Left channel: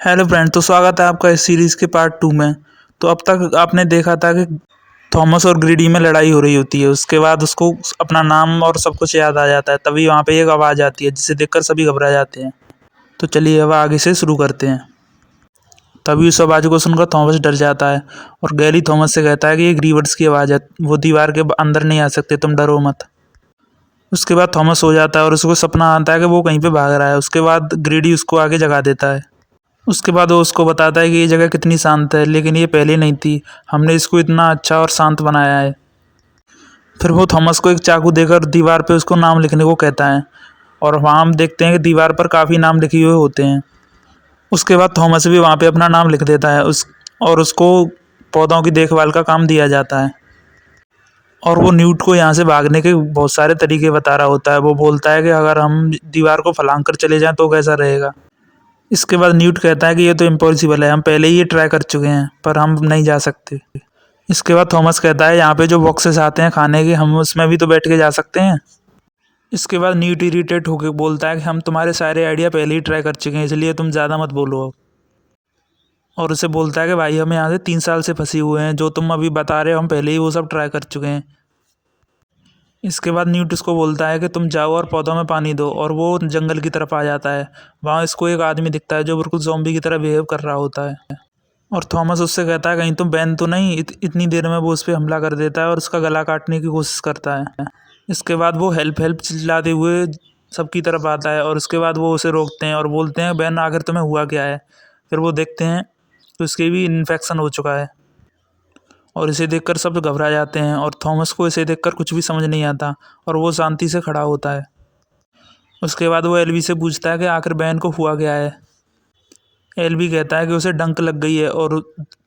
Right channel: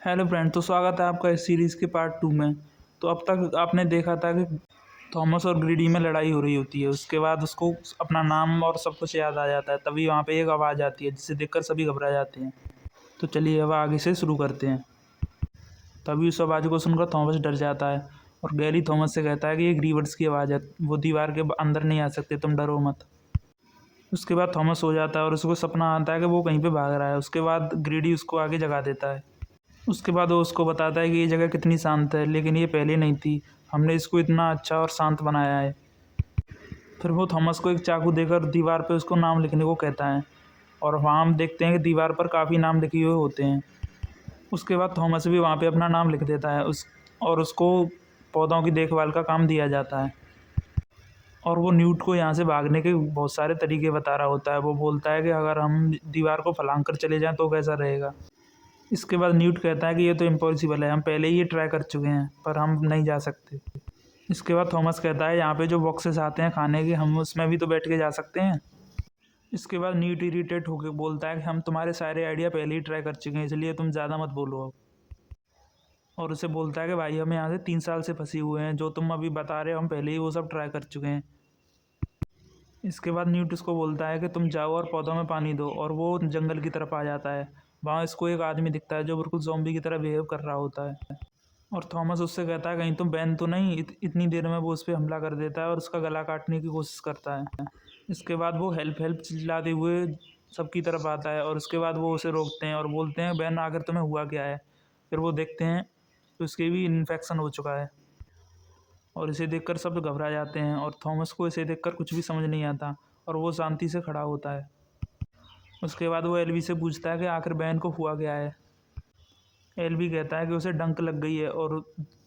Hello friend, तो स्वागत है आपका इस सीरीज़ के पार्ट 2 में। तो अब तक आपने देखा था कि थॉमस और ग्रीडी में लड़ाई हो रही होती है। उसके बाद उसको अपना नाम और सब कुछ याद आ जाता है। तभी वहाँ पे एक आवाज़ आती है जिसे देखकर सभी घबरा जाते हैं। तो चलिए अब आगे से शुरू करते हैं। तभी उस आवाज़ को सुनकर थॉमस डर जाता है और गैरी थॉमस से कहता है कि ये ग्रीवर्स की आवाज़ है, वो दीवार के अंदर नहीं आ सकते, तुम डरो मत। उसके बाद थॉमस सो जाता है और उसको सपना आता है कि वो कहीं पे भाग रहा है। उसके बाद ग्रीडी उसको आगे जगा देता है। उसके बाद वो उसको बताता है कि ये जगह कितनी शांत है, लेकिन ये पहले नहीं थी। हमने इसको इतना अच्छा और शांत बनाया है। फिर वो थॉमस को एक चाकू देकर दीवार पे उसको नाम लिखने को कहता है और वहाँ हम देखते हैं कि दीवार पर काफ़ी नाम लिखे हुए होते हैं। उसके बाद थॉमस भी वहाँ पे अपना नाम लिख देता है और उसको पौधों की देखभाल का काम दिया जाता है। और वो न्यूट को यहाँ से भागने के बहुत सारे तरीके बता रहा होता है। वो बोलता है कि अगर हम दीवार को फलांग कर चले जाएं तो कैसा रहेगा। इसके बाद न्यूट कहता है कि ये तो इम्पॉसिबल है, हम पहले ही ये ट्राई कर चुके हैं, पर हम नहीं जा सकते। इसके बाद थॉमस कहता है यहाँ पे जो बॉक्सेस आते हैं खाने के, हम उसमें भी तो बैठ के जा सकते हैं। इसके बाद न्यूट इरिटेट होकर बोलता है कि हम तुम्हारे सारे आइडिया पहले ही ट्राई कर चुके हैं, इसलिए तुम ज़्यादा मत बोलो अब। और उसे बोलता है कि भाई हम यहाँ से 3 साल से फंसे हुए हैं, जो तुम अभी बता रहे हो हम पहले ही वो सब ट्राई कर चुके हैं। इसके बाद न्यूट उसको बोलता है कि तुम जाओ और पौधों में पानी दो, और वो जंगल की तरफ आ जाता है। वहाँ इसको एक आदमी दिखता है जो बिल्कुल ज़ॉम्बी की तरह बिहेव कर रहा होता है। और थॉमस उससे कहता है कहीं तुम बैन तो नहीं। इतनी देर में वो उस पर हमला कर देता है और उसका गला काटने की कोशिश करता है। इसके बाद वो हेल्प हेल्प चिल्लाते हुए सबकी तरफ आता है और उसके बाद वो उसे रोकते हैं और बोलते हैं बैन आखिर तुम्हें हुआ क्या है। फिर वो देखते हैं तो उसके भी इन्फेक्शन हो चुका है और इसे देखकर सब घबरा जाते हैं और थॉमस को इसे देखकर कुछ भी समझ नहीं आता और वो शांति से खड़ा होता है। उसके बाद वो एल्वी से पूछता है कि आखिर बैन को हुआ क्या है। एल्वी कहता है कि उसे डंक लग गई है और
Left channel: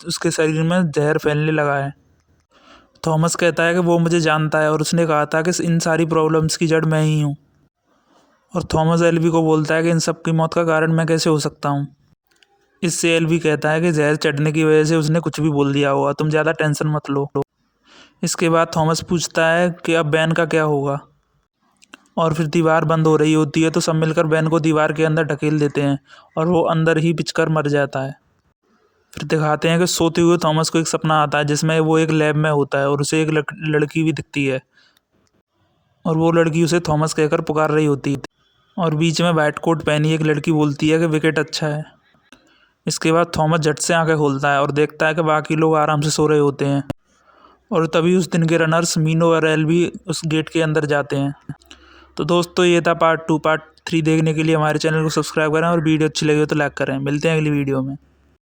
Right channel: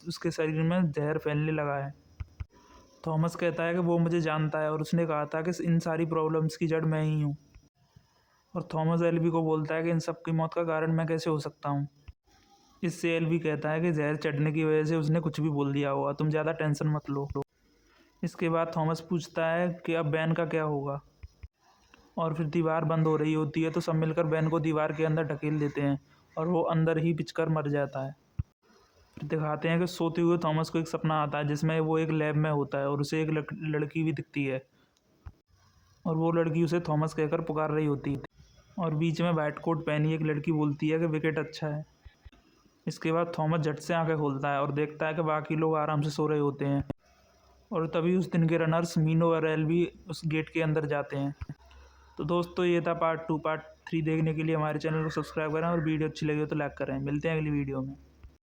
उसके शरीर में जहर फैलने लगा है। थॉमस कहता है कि वो मुझे जानता है और उसने कहा था कि इन सारी प्रॉब्लम्स की जड़ मैं ही हूँ। और थॉमस एल्वी को बोलता है कि इन सब की मौत का कारण मैं कैसे हो सकता हूँ। इससे एल्वी कहता है कि जहर चढ़ने की वजह से उसने कुछ भी बोल दिया होगा, तुम ज़्यादा टेंशन मत लो। इसके बाद थॉमस पूछता है कि अब बैन का क्या होगा। और फिर दीवार बंद हो रही होती है तो सब मिलकर बैन को दीवार के अंदर ढकेल देते हैं और वो अंदर ही पिचकर मर जाता है। फिर दिखाते हैं कि सोते हुए थॉमस को एक सपना आता है जिसमें वो एक लैब में होता है और उसे एक लड़की भी दिखती है और वो लड़की उसे थॉमस कहकर पुकार रही होती है। और बीच में वाइट कोट पहनी एक लड़की बोलती है कि विकेट अच्छा है। इसके बाद थॉमस झट से आंखें खोलता है और देखता है कि बाकी लोग आराम से सो रहे होते हैं। और तभी उस दिन के रनर्स मीनो और एल भी उस गेट के अंदर जाते हैं। तो दोस्तों ये था पार्ट 2। पार्ट 3 देखने के लिए हमारे चैनल को सब्सक्राइब करें और वीडियो अच्छी लगी हो तो लाइक करें। मिलते हैं अगली वीडियो में।